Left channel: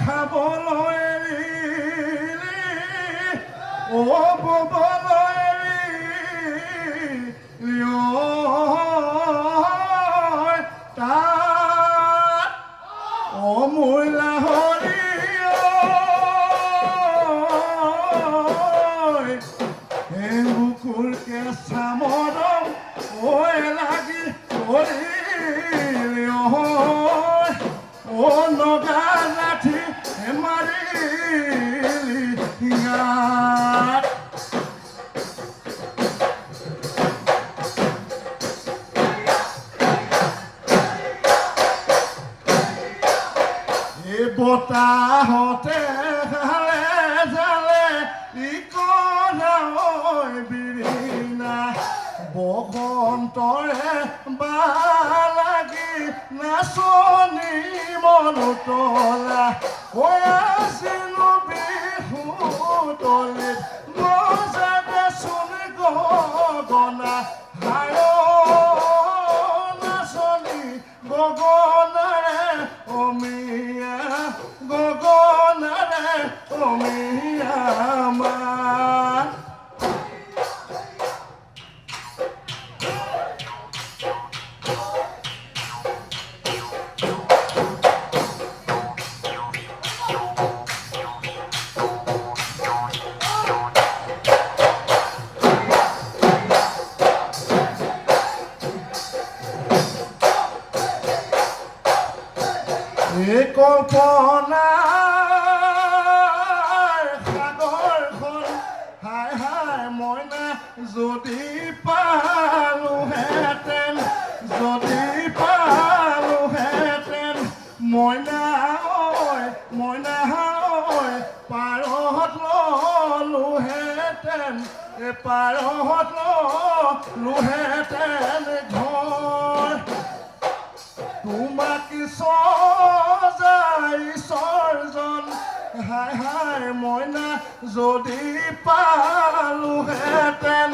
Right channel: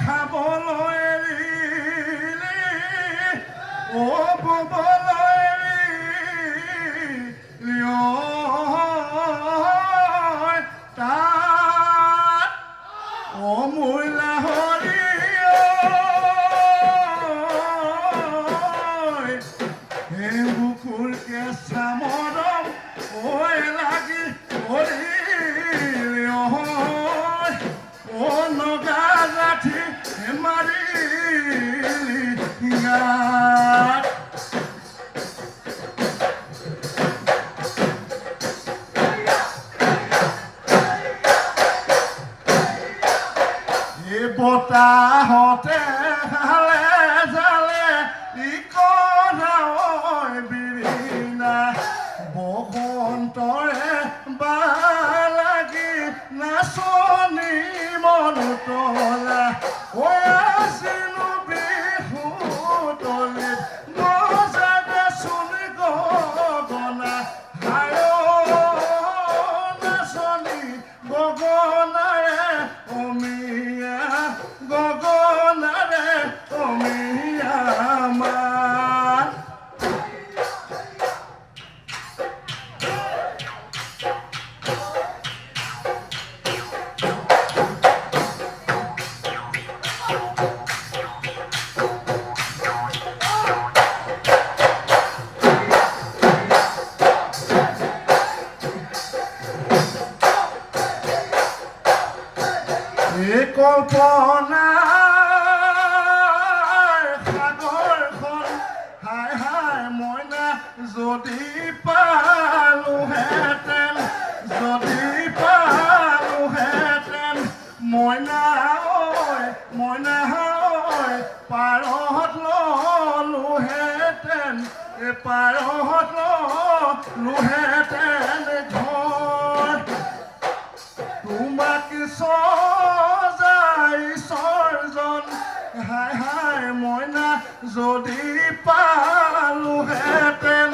খাবলৈ এৰিলি ববলৈ এৰিলি তাত মোৰ লাহৰী বুকুৰ কেঁচা মৰম লাগি নগা লাঠি মাৰিলি গাত এই বতাহতে হালে জালে বিৰিণা বসন্তৰে বালাগি নাচনি মনুতলা আছিলো বিহু তলিত নজাগে চোন গগনা নাচনি গগনাৰে অমিয়া গগনাৰে অমিয়া কল্পনাৰ সাগৰখন হাই হাই মইনা যদি পালোহেঁতেন মইনা পাৰত ললোহেঁতেন ঘৰ তোমাক সজাইছৰজন হাই হাই মইনা যদি পালোহেঁতেন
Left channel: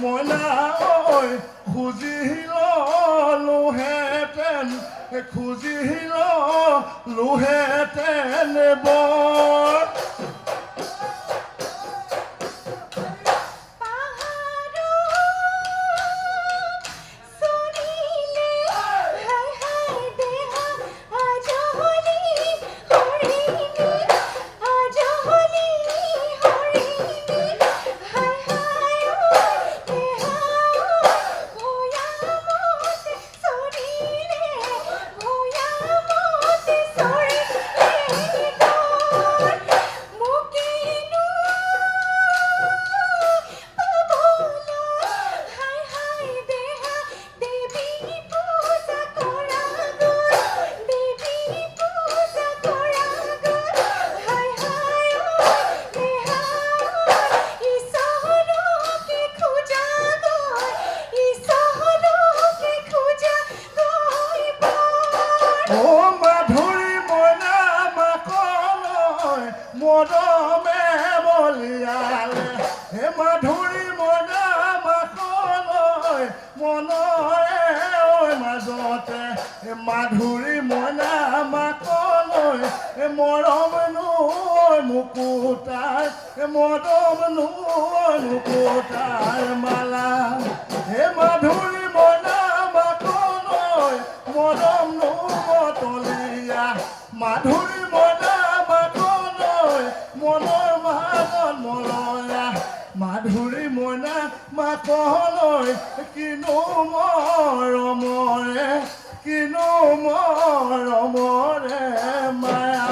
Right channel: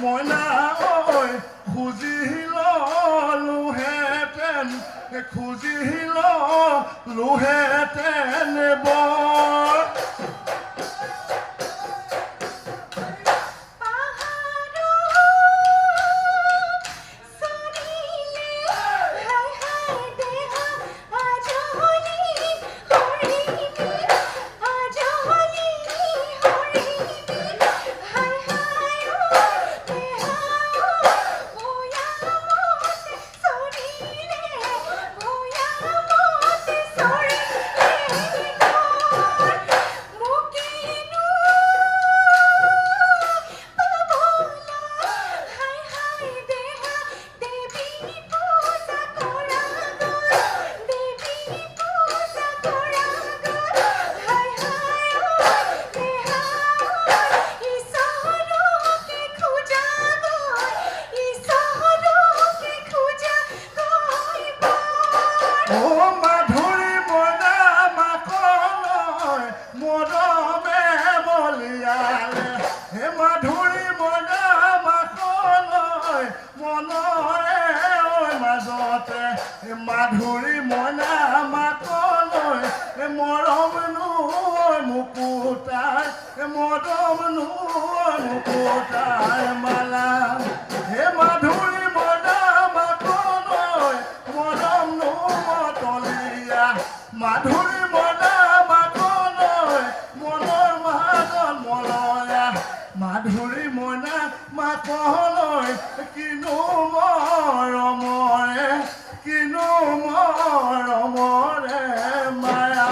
মইনা খুজি ললোহেঁতেন বৰ মৰমে বলিয়ালে হে মাধুৰী মইনা মাকলৈ মনৰে মাজতে মাধুৰী মইনা মাকলৈ মৰম মুকুতাৰ মালা হে মাধুৰী মইনা মাকলৈ মৰম তলীয়া মাধুৰী মইনা মনৰ মাজত মলয়া মাধুৰী মইনা মাকলৈ কিনো মৰমৰে মায়া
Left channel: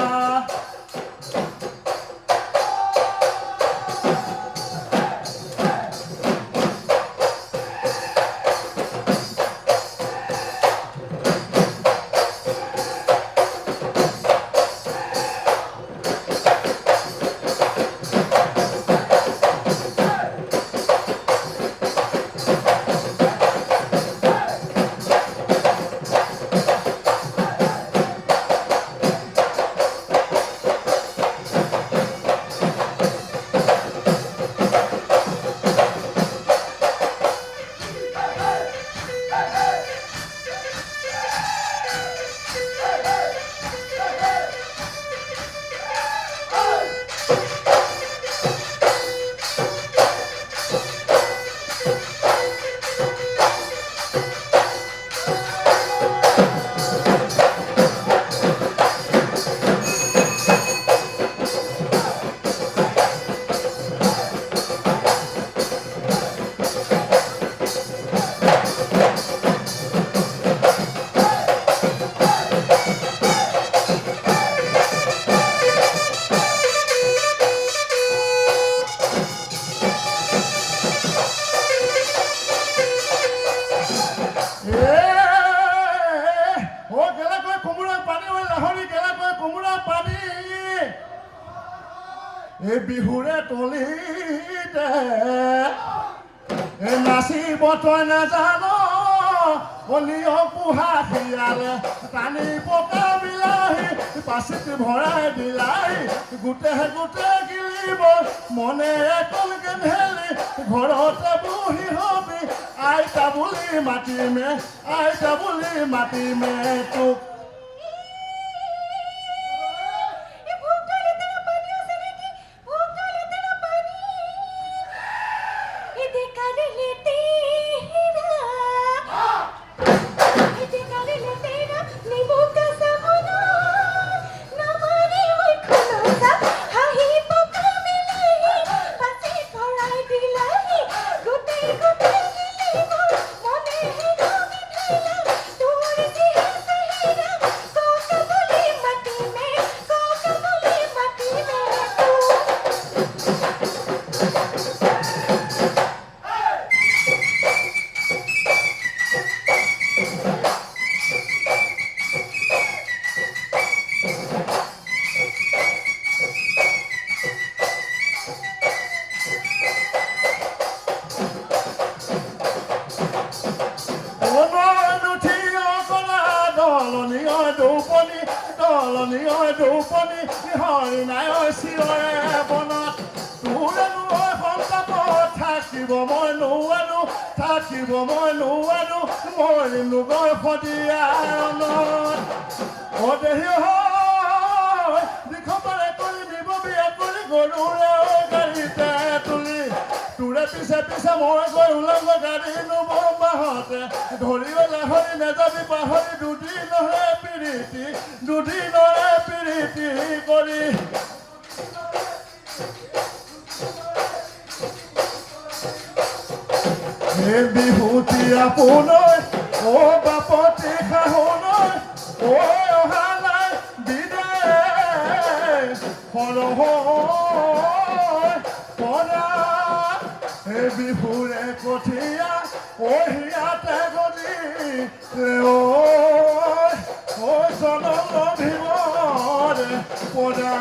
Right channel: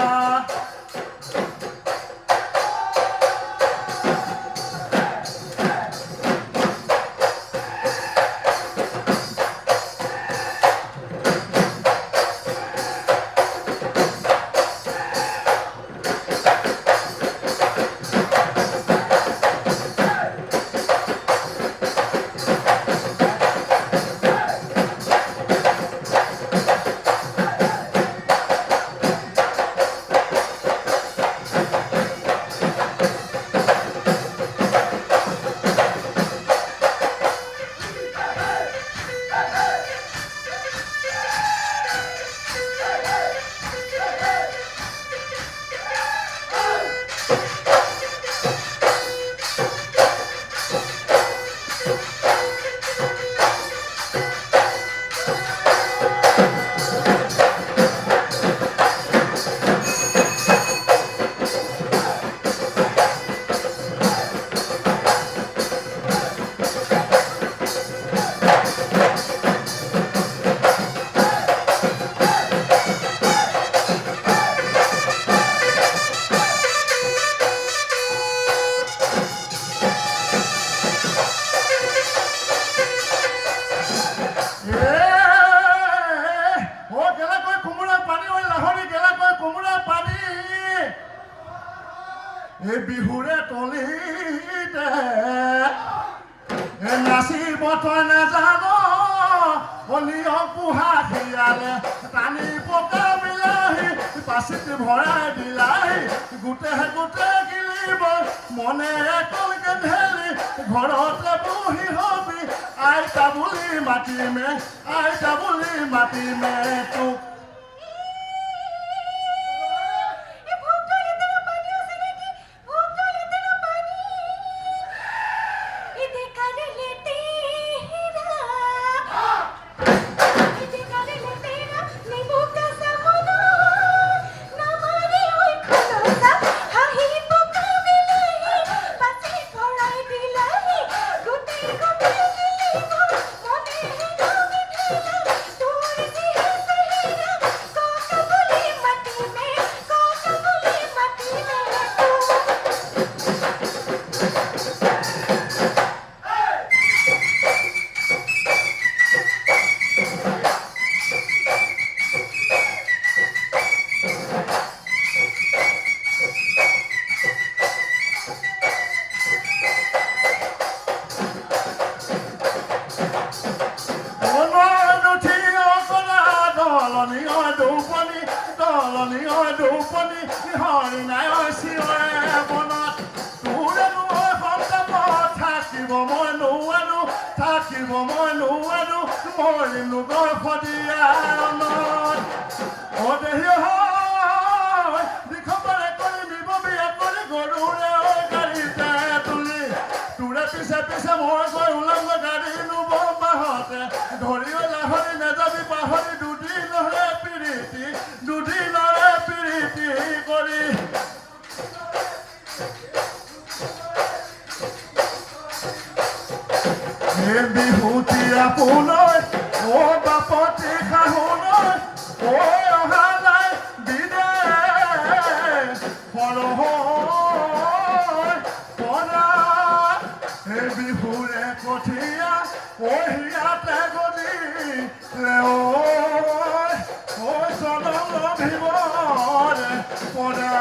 এই বিহুৰে তলিতে নাচিব তই নেজানো হলিও পোহা শিয়ালে টানি পকা বিলাহী পাচিত ভৰাই দিলাই গোটে গিলিব মনে কলকে ঢেলি ঘৰতে বহি হবি আইতা বুলি মাতিমে তোক দৌপনি হৰি নাই চিঞৰে বনত তোৰে নোৱাৰ সংগ্ৰামত থাকিব মই নোৱাৰো মৰিলো গৰ্ভদিয়াৰণত দেহি হয় দিখপাৰে কৰি নিব বিয়া কৰি গৰুৰে গাড়ীতে তুলি তোৰে পিছে মই গৈ ওলংগ গাড়ী লব বাহতে ধৰিবলৈ হৰি নেযাবি পাহৰি দুদিনৰে প্ৰীতি কৰি বিহুতি আপোনাৰ ও বাপতি শাহুনৰ ঐ অহা নাই বিদেশ পৰা বিহুৰে কঠীয়া হিয়াতে গলি জনম ভিমৰে পৰা